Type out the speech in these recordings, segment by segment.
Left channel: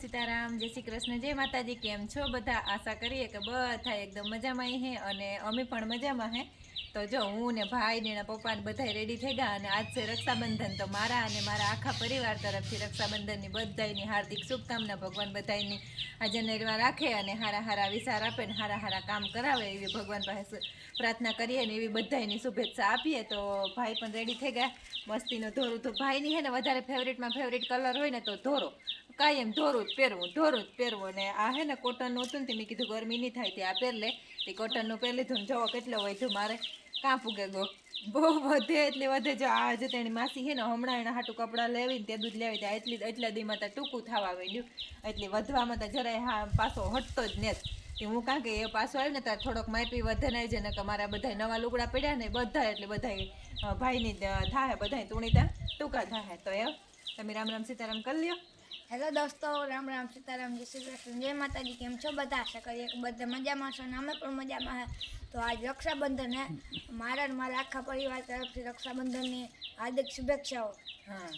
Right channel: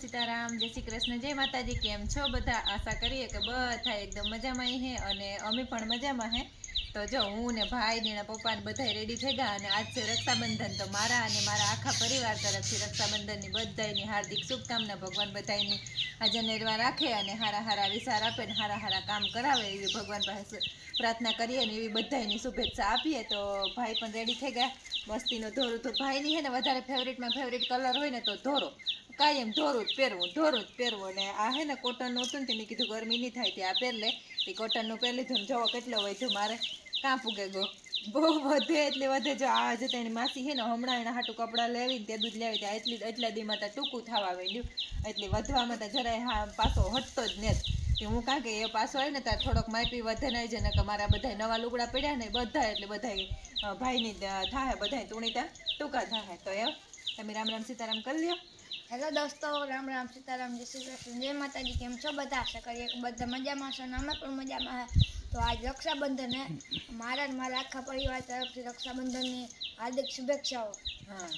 સીતારામ, જય શ્રી કૃષ્ણ, જય માતાજી, કેમ છો? બધા આશા કરીએ કે બધા એકદમ મજામાં હે અને અમે પણ મજામાં હે. તો જો હું ને ભાઈ ને એના પપ્પા ને બધા રેડી થઈ ગયા અને આજ છે રક્ષાબંધન. તો મારા અને મારા આખા પરિવાર તરફથી રક્ષાબંધનની બધાયની હાર્દિક શુભકામના ભગવાન બધાયની આજે નિર્વાહ રાખે અને હારા હારા વિચાર આપે ને હારા હારા કામ કરાવે એવી ભગવાન પાસે પ્રાર્થના કરીએ ને એવી બધાયની શુભેચ્છા આપીએ. તો ભાઈ પણ રેડી થઈ ગયા. મસ્તીનો ધોરું તો ભાઈની હે ને વધારે ફેવરેટમાં ફેવરેટ કલર હોય ને તો ધોરો. કાયમ ધોરું જ પહેરવું, ધોરું જ પહેરવું. અને આ હે ને કોટનનું હતું ને તે મેં કીધું ગરમી નહીં થાય તે આ પહેર લે. તે કોટનનું પહેર લીધું ને જવો કેટલો હોય જો મારે કાં ગો? બહુ વધે એટલે વધે. જો આ જો તેની માસી છે ને હમણાં એના હાટું કપડાં લેવીને તે દૂધ લેવી ત્યાં એટલી એટલા દીમાં ત્યાં ટૂંકું થવા માંડ્યું. એટલે વધવામાં તો જરાય હા પાછો હટતો જ ને કે હું કાં કે એ પાછો આવે ને ત્યાં થોડોક માપી વધે નહીં છે ને કે મારા બધા નવા લુગડા પડ્યા ને બધા એટલે બધા ભાઈની થાય બધા તુણી ત્યાં ટૂંકા થાય તો એ તમે રામ રામ સીતારામ કરી લ્યો. હેલો દોસ્તો, રામ રામ સીતારામ, જય શ્રી કૃષ્ણ. જય માતાજી, કેમ છો? બધા આશા કરીએ કે બધા મજામાં છો અને અમે પણ મજામાં હે. તો આજ રક્ષાબંધન હે મારા મારા આખા પરિવાર તરફથી રક્ષાબંધનની હાર્દિક શુભેચ્છાઓ. હા.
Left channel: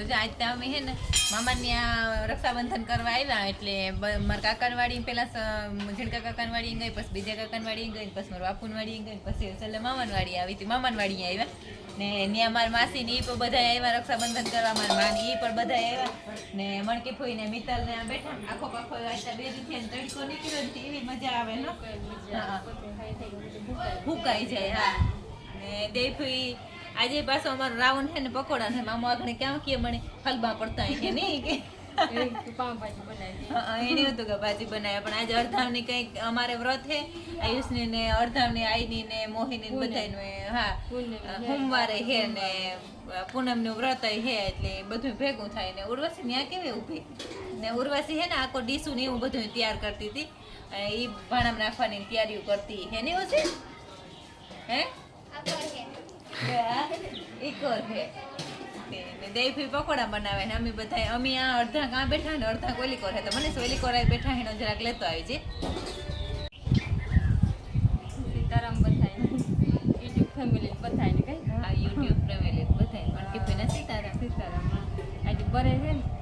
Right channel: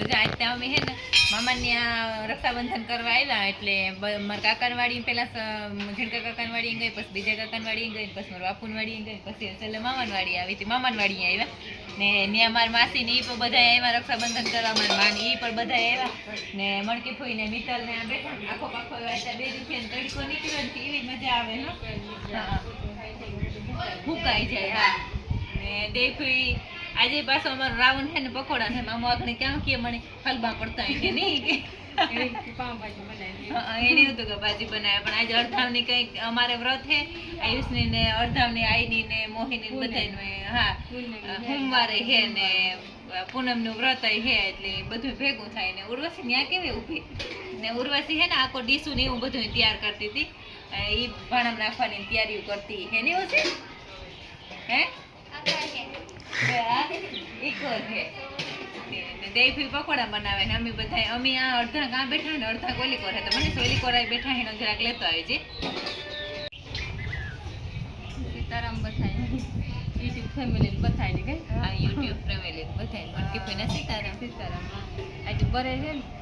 તો જો આજ ત્યાં અમે હે ને મામાની આ રક્ષાબંધન કરવા આવ્યા એટલે મારા કાકાનવાડી પેલા ઝીણકા કાકાનવાડી ગઈ પછી બીજા કાકાનવાડી ગઈ પછી મારા બાપુનવાડી ગઈ પછી છેલ્લે મામાનવાડી આવી હતી મામાનવાડી આવ્યા. ને ત્યાં મારા માસી ને એ પણ બધા આવ્યા રક્ષાબંધન કરવા મારા માની એ પણ બધા આવ્યા. ને મણકી ફોઈ ને મિત્તલ ને આ બેઠા આખો પાખો વાંચતા બે રીતે તડકો નીકળ્યો ને એવી મજા આવે ને ફૂંકાઈ જાય. હા. ને દેખુઈ આજે પાછો અમારો રાવણ છે ને પકોડા ને મામો આગળ ક્યાં કે મને ફલબા પડતા હોય કે નહીં કે? હતું કે ભાજી બનાવે પણ આજે અડધાવની કંઈક અમારે વ્રત છે. આયુષની ને અડધાવની આઈની ને મોહિની ને હા. સોમવારે હે ને પૂનમનું વ્રત હે એટલે બધું ભેગું થાય ને. ઉર્વશી ત્યાં કેવી ઊભી? ને ઉર્વશી હે ને આખો ડીસું ને એવું બધું તૈયાર કરતી હતી. એ ભાણમ નાખવાની તૈયારીઓ કરતી. હે ને એવું છે. હે દેવી પકોડા બનાવે ને અમે બધા અમે આ અડધા કાં બેઠા ને અડધા કોલી કોર તો મને સોલી કોરા બેઠા એનો જરાક લેતો આવી છે સીતારામ બધાય યુટ્યુબ ફેમિલી બધાય ને કઈ હા યુટ્યુબ ફેમિલી બધા મટકી ફઈને સીતારામ સીતારામ આજે બરે છે ને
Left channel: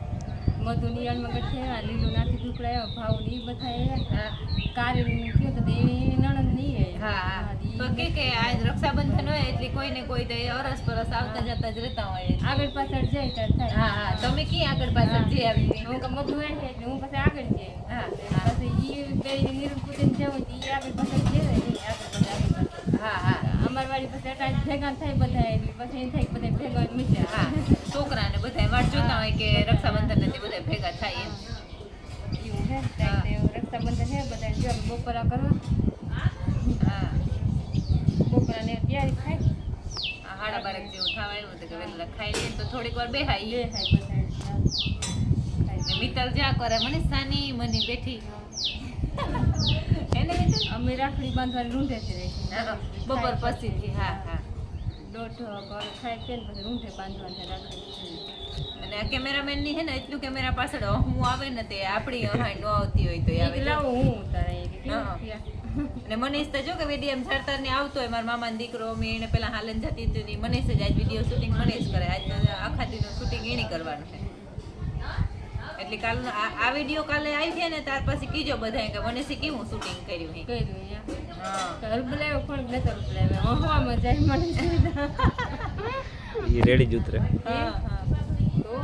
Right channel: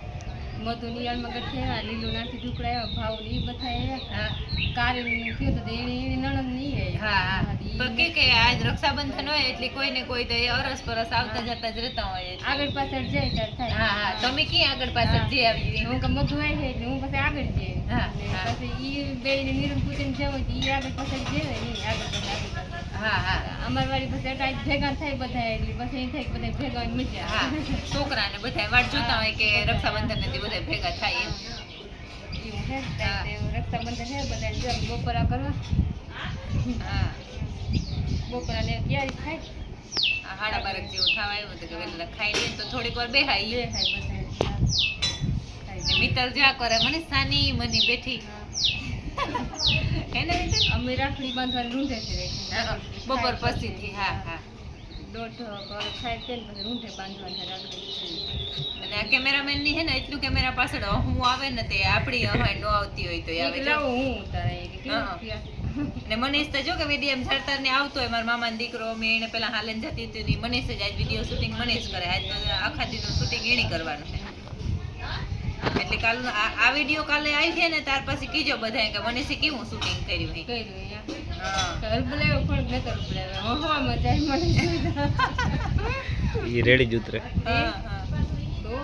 મધુ નિયાળમાં ગઠ્ઠે લીલું નાથી ઢુકડાયો ભાવ ને બધા હા કારી કયો તો એની નણંદ નહીં હા હા. કે કે આજ રક્ષાબંધન હોય એટલે કોઈ ને કોઈ તો એ અરસ પરસ આવતા જતા જ રહેતા હોય આગળ પાછળ જાય ત્યારે થાય. હા હા. તમે ક્યાં આગળ પાછળ જે આવી હું કે મધુ આવી છે એટલે હું પછી આગળ જઈએ હા. પછી ઈ બે નિરણ કુટીને જવું ઈ આગળ પાછળ આગળ પાછળ આગળ. પાછળ હા હા. અમારવાડી પછી અટાઈ ભેગા થાય બધા એટલે પછી થાય બધા ભેગા હા આવે. છોકરાને બધા વાટ જોતા હોય કે રક્ષાબંધન ને બધા ભેગા થાય એવું હે. રક્ષાબંધન છે બધા જો બપોરા કરવા. હા. બપોરા ને તૈયારી થાય. આ હાડા બારક જેવું થવા આવ્યું હતું કે ખાઈ લઈએ તો થોડીક વાર બેહાઈ. બે થાય બધા ને મિત્તલ જ્યાં કરે મને સાની મની બેઠી. હે. ને? અમે રાખડી બાંધવાની રૂંઢે છે. બપોર પછીથી હા હા. દોઢ કર ખાઈ પીને પછી રૂંઢે બાંધવાની રાખડી અને આ કેમેરામેનની હે ને એટલું કેમેરા પાછળ હું આવે ને તે આપણી અમાય નો આવતી હોય તો આવે લાવું હું ઉતારે એ કે હા. કેવું થયા? ને મનીષ તો જો કે વીડિયો ઝડતર ને આવતો હોય મારા મામાનો દીકરો મેં એને પેલા હાલન જતી હતી ને મનીષ જ આજ વીડિયો શૂટિંગ મનીષ કરે. આજ આખા દીનું શૂટિંગ એની કરવાનું છે. એટલે કાલ આ વીડિયો કાલે આવી છે ને ત્યાર પછી કીજો બધા કે મનીષે કેવું શૂટિંગ કર્યું હે કર્યું અહીંયા. હા. તો પણ નતો હરબલાયો હવામાં જાય મને સુવિધા એ રેડી જ ઉતરે. હા હા. તો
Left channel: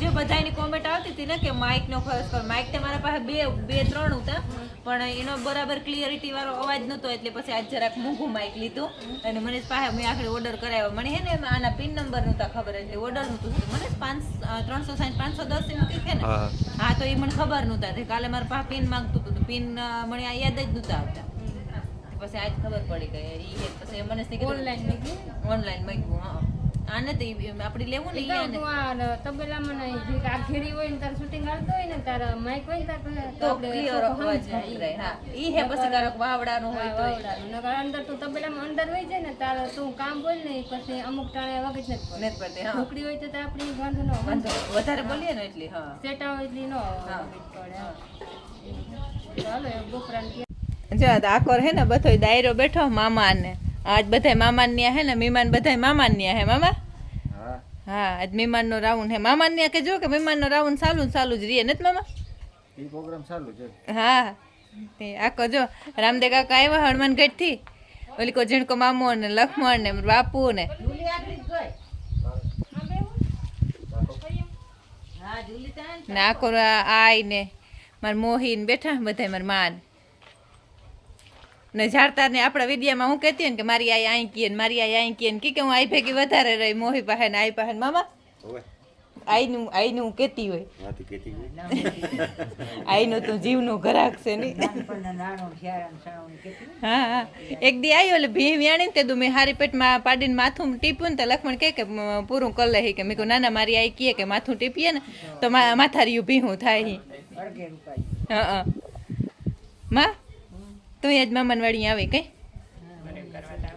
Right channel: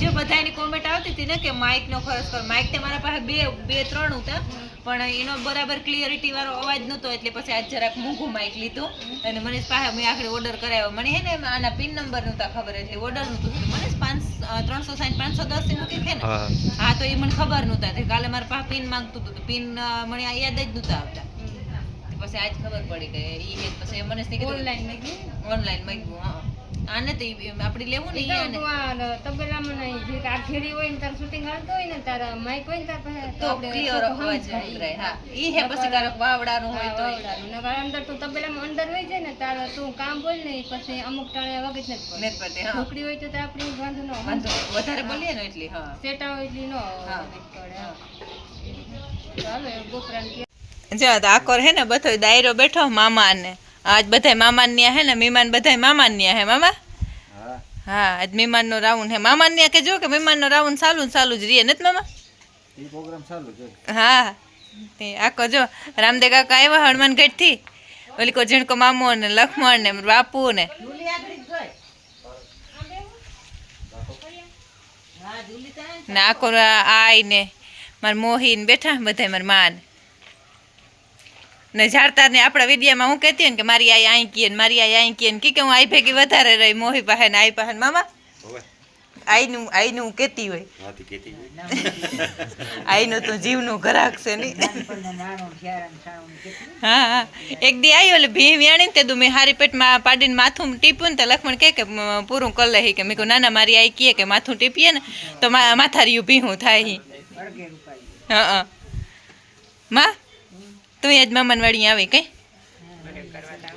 જો બધાની કોમેન્ટ આવતી હતી ને કે માઇક નો ખર્ચ પર માઇક તે મારા પાસે બે બે ત્રણ હતા. પણ એનો બરાબર ક્લિયરિટી વાળો અવાજ નતો એટલે પછી આજ જરાક મોંઘું માઇક લીધું. અને મને પાસે મેં આખરે ઓર્ડર કરાવ્યો. મને હે ને આના પિન નંબર નહોતા ખબર એટલે ઓર્ડર નહોતું થયું. મનીષ પાંચ ત્રણસો સાઠ પાંચસો દસથી મૂકી છે ને હા તો એ મને ખબર નહોતા તે કાલે મારા પાસે પિન માંગતું હતું. પિન મને આ યાદ જ નહોતા આવતા. પછી આજ ખબર પડી ગઈ. એ હે પછી મને ઓનલાઈન મેં ઓનલાઈન માંગ્યું હા. આને તો આપણે લેવું ને આ તબેલામાં નહીં જે આ ઘેરી હોય ને તાર શૂટિંગ હાલતું હોય ને તારા માઈક હોય ને તાર પાસે તો ક્લિયર અવાજ સમજાય. હા. ઈ હે પછી કારક વાવડાનું હોય તો વાવડાનું. નકર અંદર તું તબેલામાં અંદર હોય છે ને તારે તું કામ બોલ ને પછી અમુક ટાણે વગત નથી પડે નેત પડે, હા. ઢોકળી હોય તો તાર આપણી વાંધો ન વાંધો વધારે બોલીએ ને એટલે હા સેટા હોય એટલી ન હા. પડે ચાલો એ બોપરાને જો આકોર હે ને બધો દાયરો બેઠો મામા ને આજ બધાય મામા ન્યા હે ને મહેમાન બધાય મામા ન્યા હે મામા? હા. આજ મહેમાનનો રાઉન્ડ હે. મામાને કે જો કે મહેમાનનો રાઉન્ડ ચાલુ ને ચાલુ જ રહે નથી મામા? એ પ્રોગ્રામ ચાલુ છે. હા. તે આખો જો રામદેવ કાકા આવ્યા હનુમાનગઢથી ઓલી કો ઝીણકો મામો ને લખમણ ને બાપુ ને. ને આખો આઈ ને મારા મોહીન બેઠા બધા મારા માન ને ઝાડતા ને આપણા વિદ્યામાં હું કહેતી હોય ને કે મારી આઈ આઈ કીએ ને મારી આઈ આઈ કીએ ને કી કે હું આઈ ભેગી વધારે રહી મોહી પાસે ને આઈ પાસે મામા. આઈનું આઈનું કેતી કહેતી હોય. આઈનું તો જીવનું ઘરાક છે નહીં હા હા. એક દી આવ્યો એટલે ભી વ્યાણી તે તું મેં હારી પેટમાં પાડીને માથું ટીપ્યું ને તો લક્ષ્મણ કહે કે પૂરું કરી લે કે મેં કહું ના ના મારી આઈ કીએ કે માથું ટીપીએ ને તો મા માથારિયું ભીહું થાય હી. હા હા. માં? તું આજ મામાન વાળી આવી કઈ?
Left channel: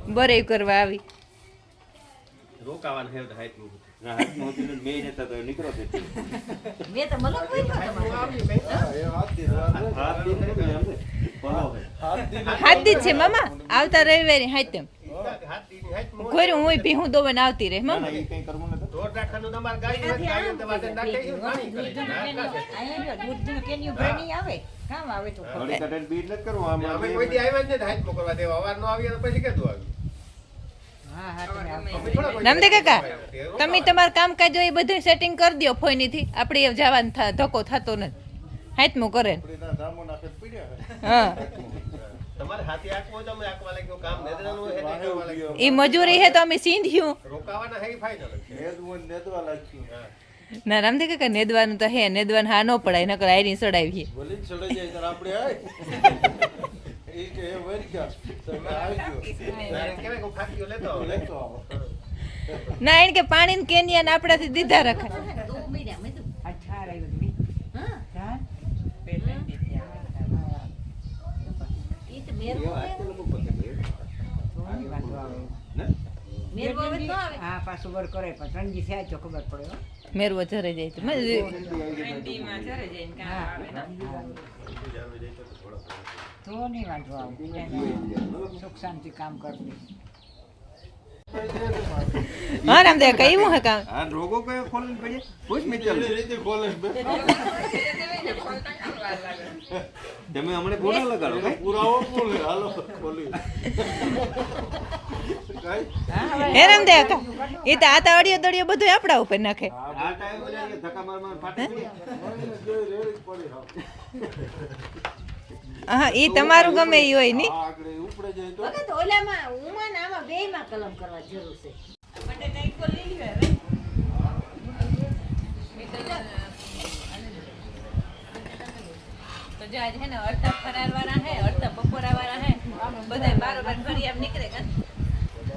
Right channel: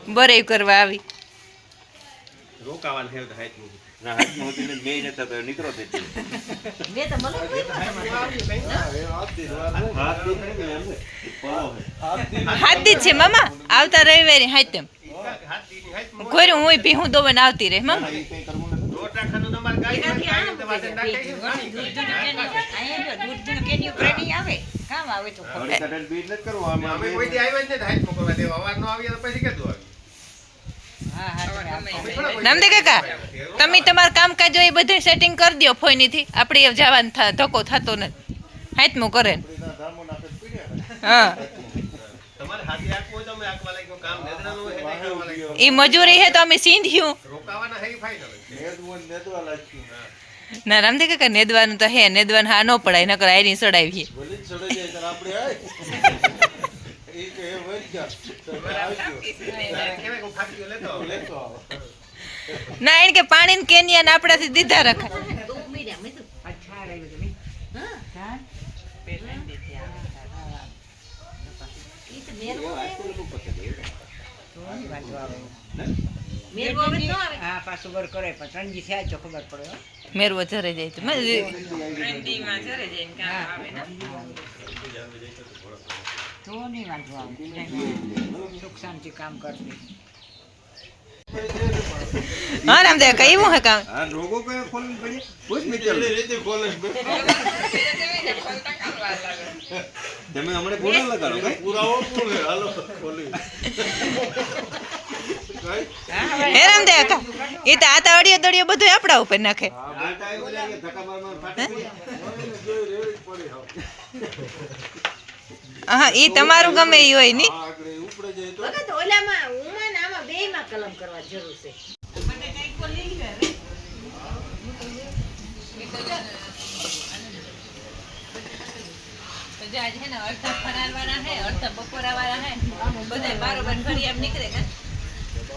બરે કરવા આવી. રોકાવાનું છે ના, હતું તો નીકળો તે. હે. હાથ દી મામા. આવતા રવિવારે હાથ તેમ ભી હું દોવન આવતી રહે મામા. નામદે કાકા તમે તમારું કામકાજ એ બધું સેટિંગ કરી દો ફોઈનીથી. આપણે એ જવાનું થા ધક્કો થતો નથી. હાથમું કરે. હા. એ મજૂરી હે તો અમે સિંધ્યું. રોકાવાના હે. નેદવું ને રામ લાગ્યું. ના રામદે કાકા નેદવાનું તો હે નેદવાનું હા ન પડાય નકર આયરી સડાવી ભલે જ સડાઈ જાય ત્યારે આપણે આય. એ એ વળી જા. તમે આવજો. તારે કહેવાય કે હું ફાટીઓ લેતો આવું. લેતો આવો. ના એને કે પાણી કેનિયા ને આપણાથી દીધા રખા હા પાછું બર કરે પણ ત્રણજી થયા જ ખબર પડે હો. મેરવો જરે જાય તો મજ- તો નહીં વાંધો આવે સુખ શાંતિ કામ કરતી હા રામદેવ હે કામ રોગો કયો ખોલીને પડીએ? પૂછ. તમે હમણાં ગુનો લગાડો કઈ? પુરાવો કોણ છે? હાલો, ખોલી. કઈ? દે કા એ તો આ તો અડિયો દડિયો બધું આપણા ઉપર નાખે. હા એ તમારું ગમે એ હોયની અડધા ફરાર વાળા હે અડધા બપોરા વાળા હે બધા બારોબાર ફરી આમ નીકળે કા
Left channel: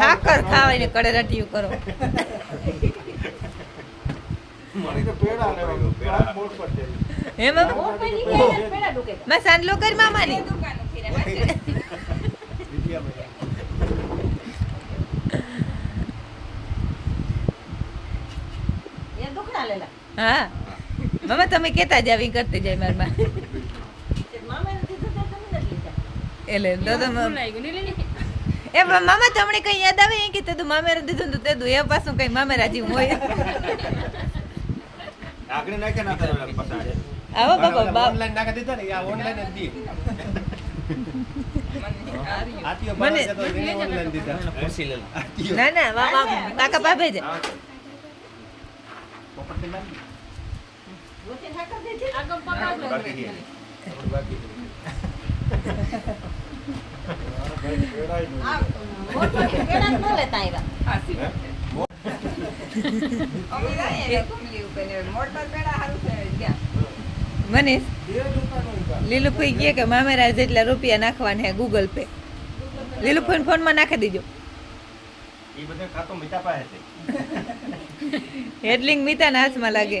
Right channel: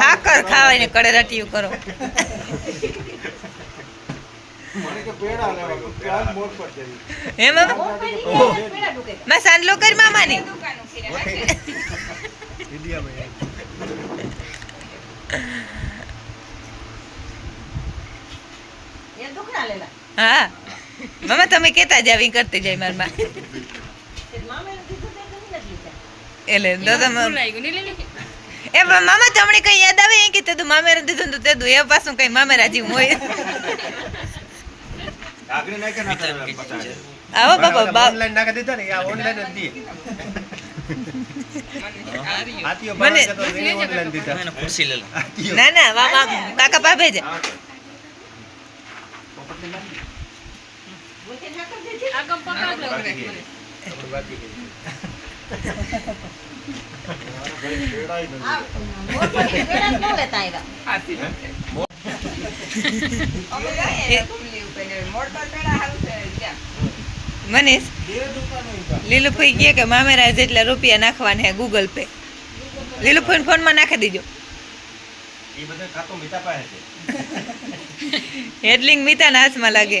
હાકર ખાવાય કડે રટિયું કરો. મને તો પેડા લેવા આ મોઢ પર છે. હે મામા માં સાંડલો કરી મામાની. હા. મામા તમે કેતા જ આવી કરતી જાય મારમાં એટલે તો તમે એ પણ મામા તમને કઈ યાદ આવે? એ કે તે તું મામેરા દીધું તું તે એ પાછું કઈ મામે રાજી હોય. આવો બાબા ઓનલાઈન નાખી દીધા ને આ ઓનલાઈન જ. ના ના મામા કાકા પાભે છે આગળ પકડજો મને એ- મનીષ. લીલુભાઈ કહે કે મામેરા જેટલા રૂપિયા નાખવાના હે ગૂગલ પે લીલુભાઈ ફોનમાં નાખી દીજો. એ બધા ખાતો મીઠા પાસે છે. હેડલિંગ મીતાના હાથમાં લાગે.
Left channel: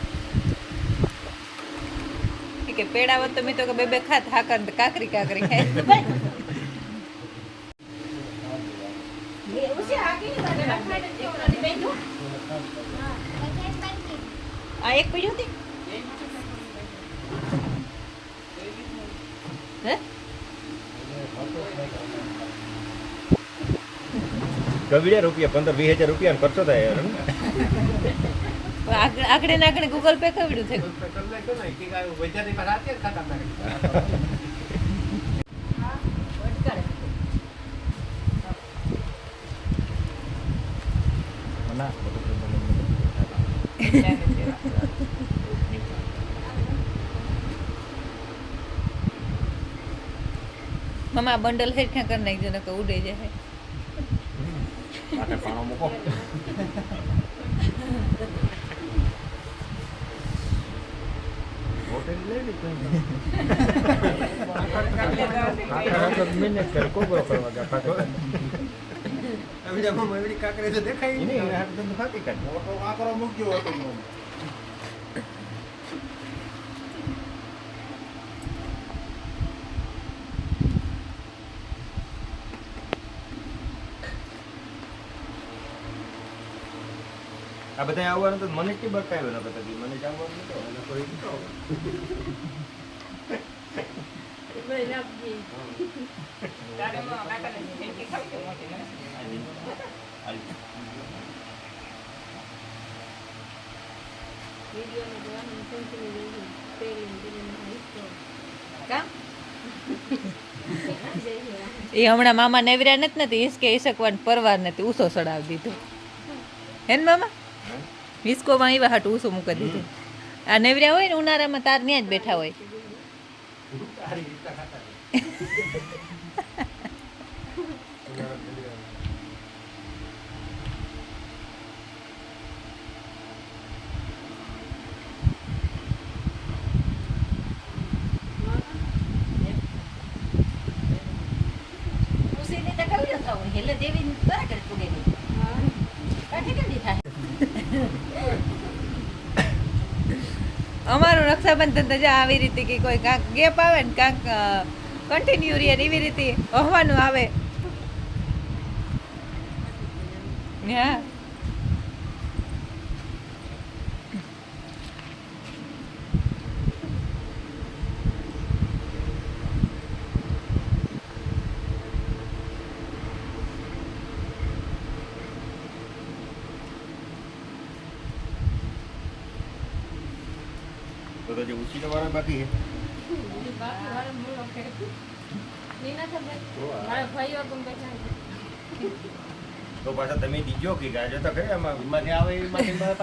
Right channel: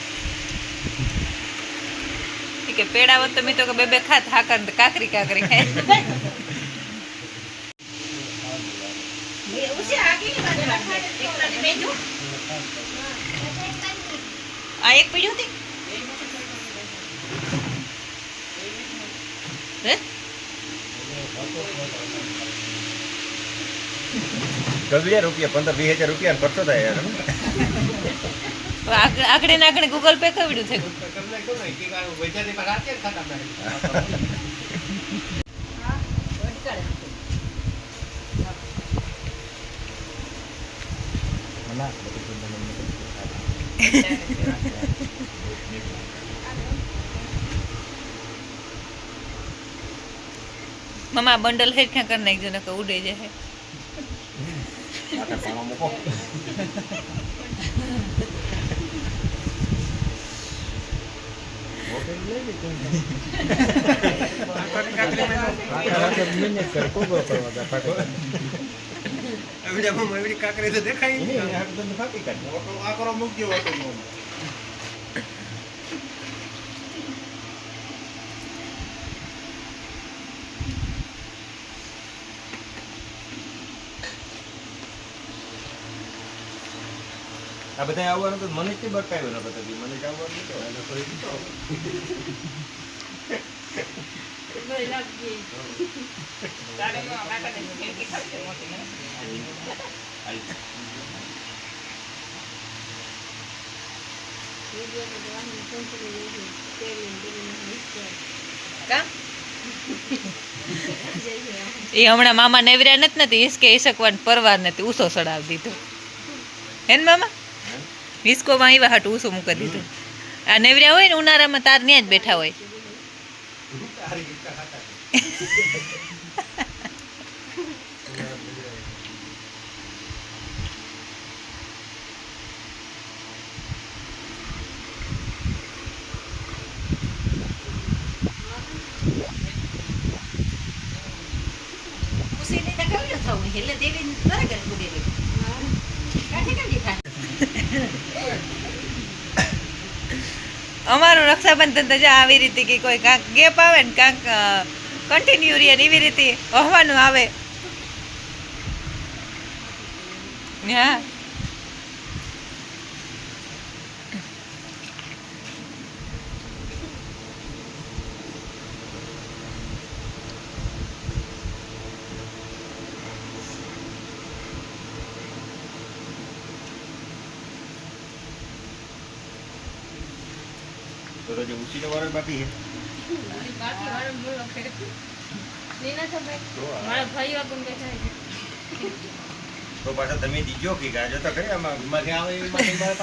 કે પેડાવત તો મી તો કે બે બે ખાત હાકર ને કાકરી કાકરી ખાય આ એક પીડ્યું હતી હે? ગગડિયા રૂપિયા, પંદર, વીસ હજાર રૂપિયા ખર્ચો થાય યાર આગળ ને આગળ ગૂગલ પે કવડ્યું છે. મમ્મા બંડલ હેરખા કરી નાખજો ને કે ઉડે જાય. માટે પાણો મૂકો. કાંકરી તો દેખાય. આ કરો મૂક્યો હોટલમાં. આ બધા આવવાનું તો મને કે બતાવ્યો નતો તો મને જ આવવાનું નતો. એ હમણાં મામા નેવર્યા નથી નથી હિસકે હિસકવાન પરવાર નથી ઉસો સડાવી દીધો. હે ને મામા? હિસકોમાં આવ્યા હાટું ઉસો મૂકી દીધું. આ નેવર્યા હોય ને ઉનાળામાં તાર ત્યાં જ બેઠા હોય. અમારું રક્ષાબંધન તો જો આવી રીતે કે કોઈ કાંક ગેપ આવે ને કાંક કન્ટિન્યુ રહે ને એવી રીતે હોવાનું આવે. હા? તો તો પાછા તમે દીજો કે ગાજો તો ખરી આમાં? એમાંથી આવે મારા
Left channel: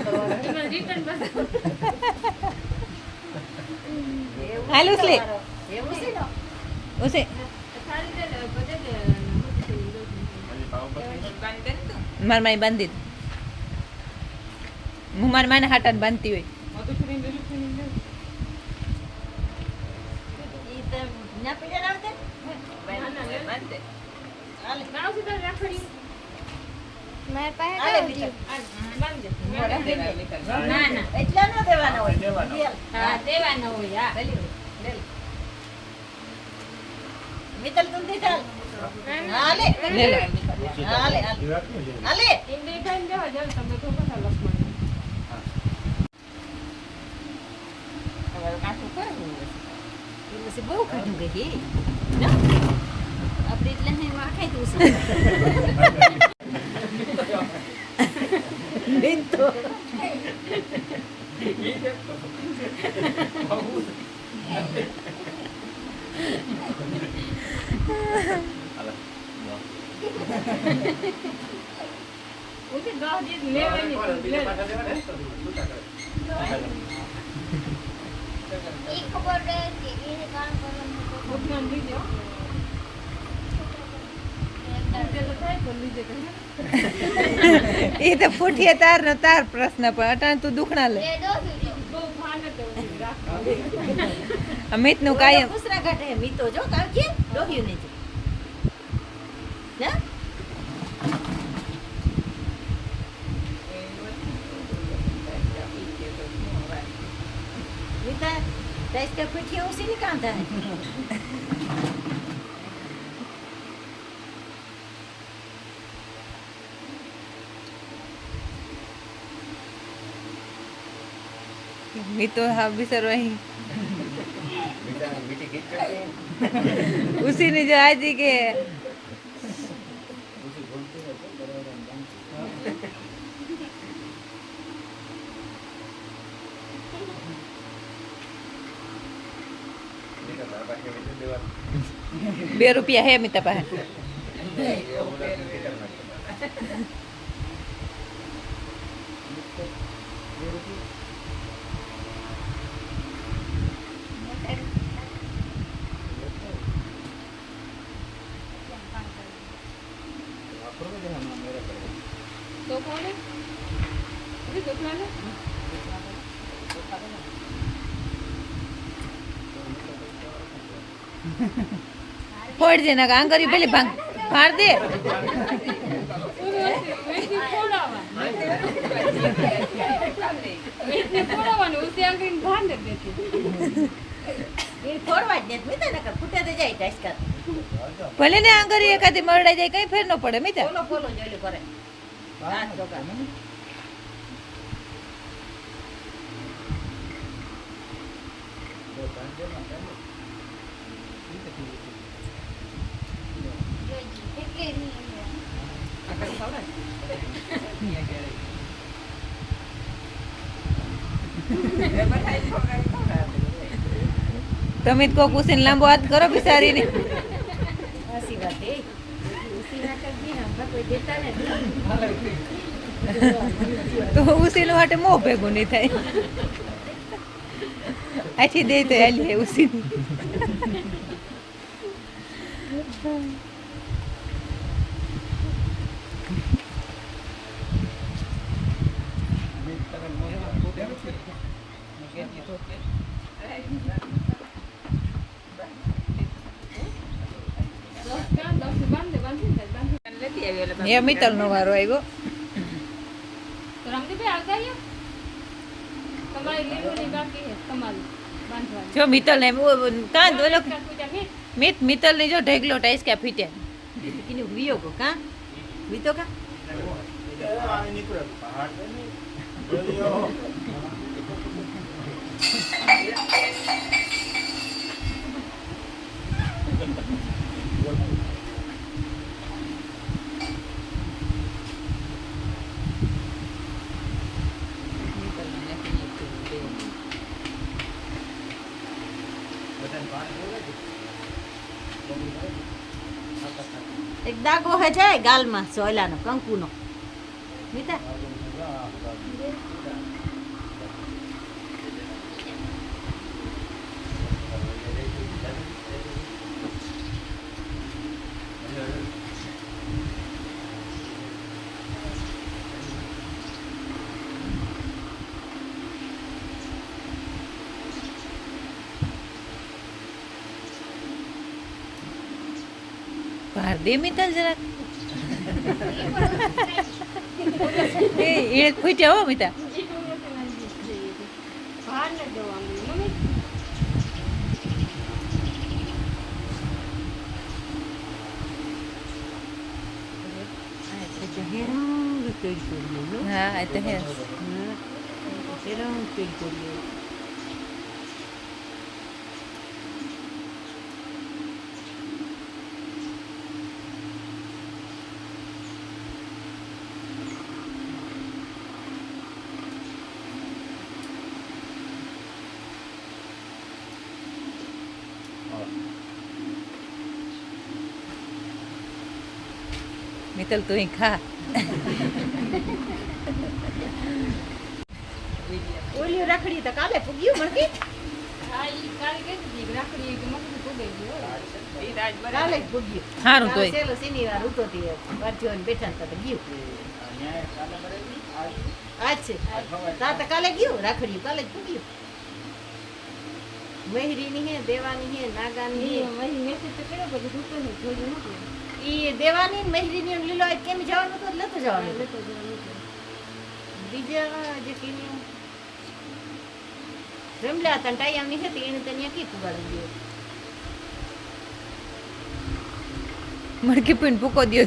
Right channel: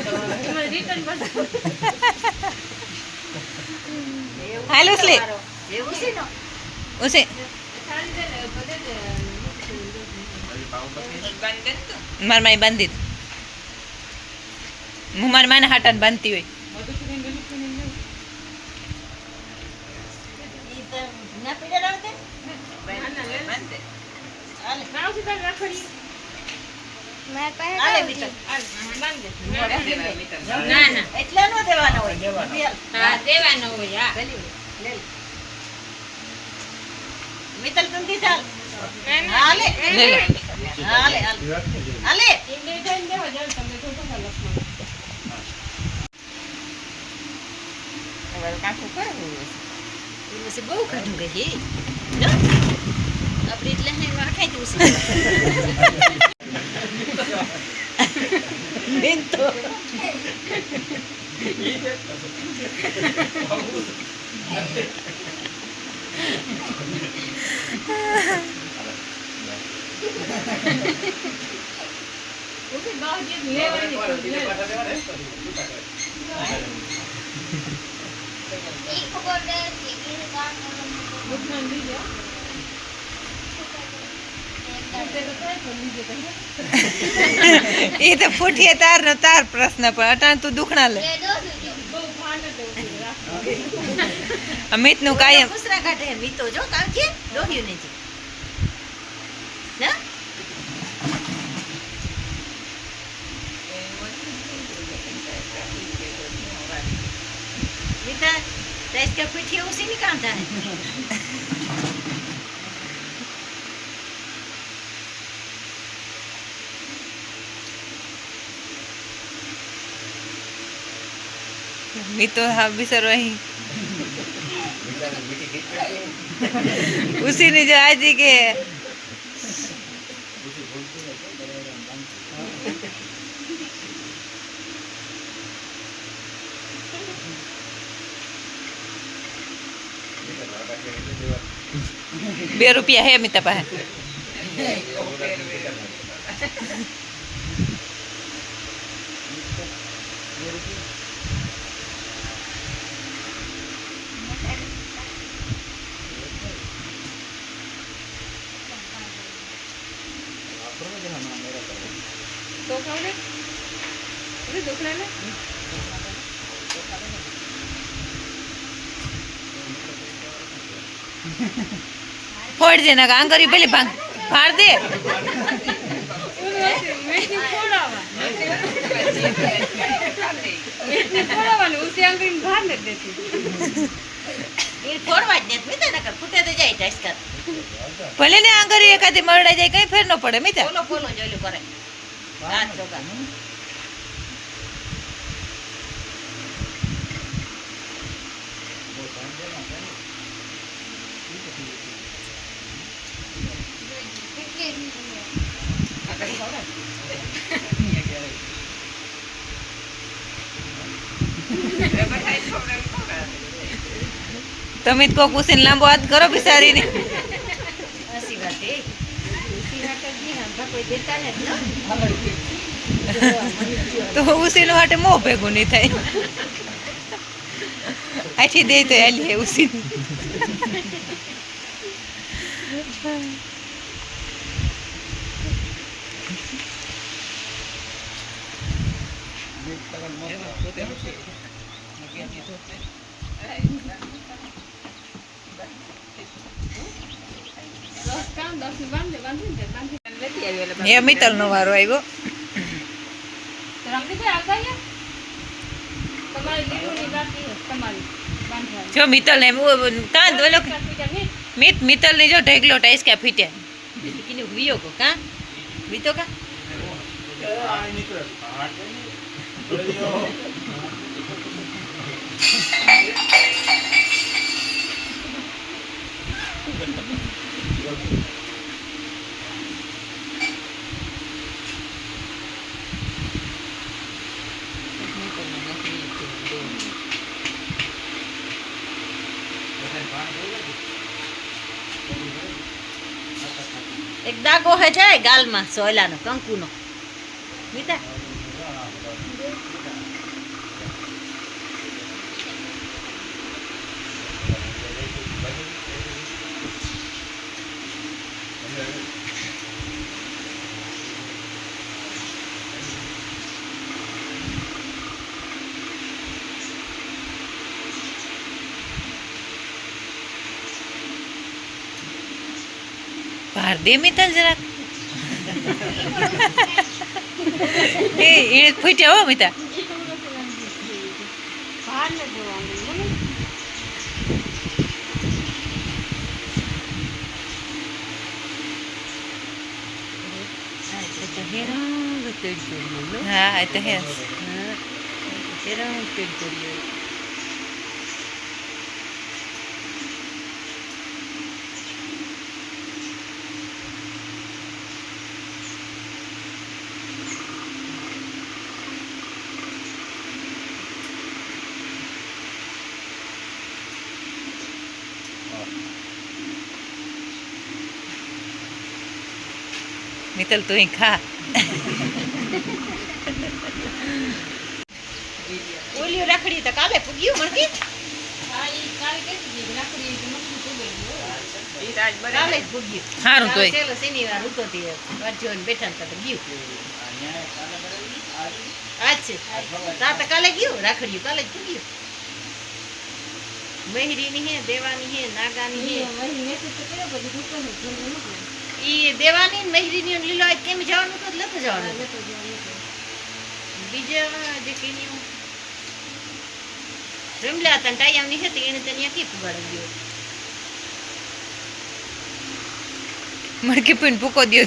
કરવાના હાલ ઉસે સારી છે ને, મારા માઈ બાંધી હું મારા માના હાટાને બાંધતી હોય. નાનું સુધાર રાખડી મેં પાસે કયું હતું? ના ના એટલા નો દેવાના હોય દેવાના. હા દેવાનો હોય હા મિત્તલ તું દીધા હાલે હાલે હાલે એ બે ટાઈમ દેવા જાવ તમે તો બધા લખવાનું કાકું કરવું પછી બહુ કાઢું ગઈ આપણે એટલે વાખાઈ દઉં બેન તો ઓકે બહાર જે લેવાની બીજા પાછા દેવાના હે? એ ખબર છે કે એ કામ કરવાનું દુકાન લીધે તે તો થાય પણ લીધે તો હે. એ તો ફૂટીએ તાર ને તાર પ્રશ્ન પણ. અટાણ તું દુખણા લે. અમિતનું કાયમ ખુસરા કાઢે મીતો જો કાલ કે? દોહ્યું ને ના મીતા તાઈસ કે પીઠી ઉસી ની કામ થાય. મી તો હા બિસરો અહીં મીઠા- મીઠી ખીચ પેટી. ઉસી ની જો આજી કે મીઠા ના પાકે એટલે દેવાનું. બે રૂપિયા હે મિતા પાસે તો કાઢે અરે લે ફોડ દે ના આંગરી પેલી ભાંગ ફાડ દે. કર ભલે ને આંગરી એકાદી મરડાઈ જાય કઈ ફેર ન પડે મિતા. બોલો બોલો જોયેલું કરે હાથ ચોગા કેટલી નહીં તમે જ કોક ઉસીને લાંબો હાથ કરો બિચારીને. હસી વાત એ ઉસી વાત જ નહીં આમ કોઈ દેતા નથી તો ઉસીનું હાટે મોં ભેગું નહીં થાય. આથી દે તો ઉસી ની બાંધે, બાંધી દે બાંધી. એ મિત્તલ નો વારો આવ્યો રમતીભાઈ આવતા રહ્યા તમારી લીલુડી બાકી છે, તમારી બાંધવાની જો મિત્તલ ને કાં ઓલો કાપીટા નહીં મિત મિત્તલની જો ઢેગલો ટાઈસ કે ફીટ્યા કિને વિયો કો કા વીતો કા એક દાગો હે જાય ગાલમાં સોયલાનો કંકુનો. મીઠા દે મિતલ જરાક. એ એ ફૂટ્યા હો મિતા. હા તો હે. હા એ તો હે મિતલ તું ખા ઓલી રાખડી તો કાલે પૂગ્યું મળતી હા ઈ કાલે કહેતી હતી કે રાખડી કે મમ્મી પૂગેલી હોય. કાલે જ પૂગ્યું. સારું તોય. છેલ્લો શનિવાર હતો તે વાંચ્યો ને બેઠા ને તો ગયું. આજ છે. તા તો કાલે ગયું રાખડ્યું કાલે જ પૂગ્યું. મહેરીની હે દેવાની હે નાગાની હે. વહી મેસેજ તો કર્યો પછી દુકાન ને ખોલ્યું નહોતું ઈ દેવાની ને મહેરીની ને લીલો કેમ જવાનું તો લતો જવાનું. લતો જવાનું બીજા જે કીન્યું રમલા હતા ટાઈમની હતી એને ત્યાં કી પુગાડી ગયો. મડકી પીને ભૂકો દ્યો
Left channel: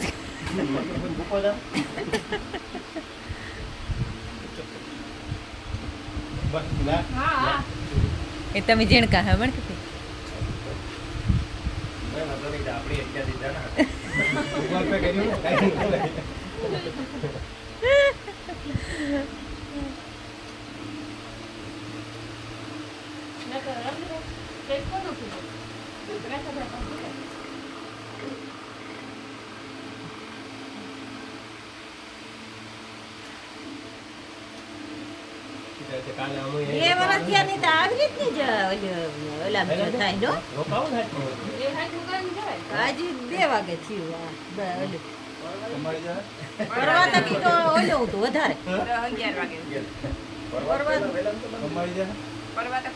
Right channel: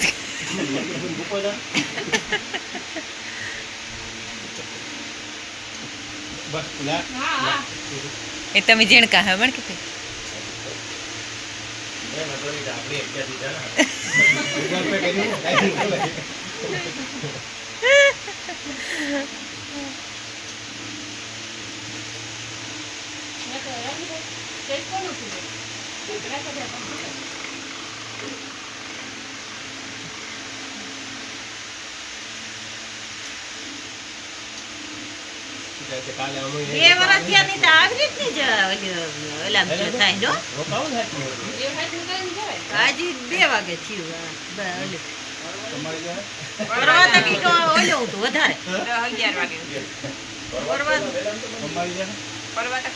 હા હા એ તમે જેણ કહે મણકી આપણે પે કર્યું કાંઈ નહીં બોલે. મેં તો રાખી દે. તે કોનું કીધું? રાખી દે, પણ કીધું. કાલે અમે બે વર્ષ થયા નહીં તો આવી રીતની જ ઓલી ઓલા જો થાય જો આજે બે વાગે થયું પરવા તો કંઈક ઓલું હતું વધારે. અગિયાર વાગે પરવા પરવા તો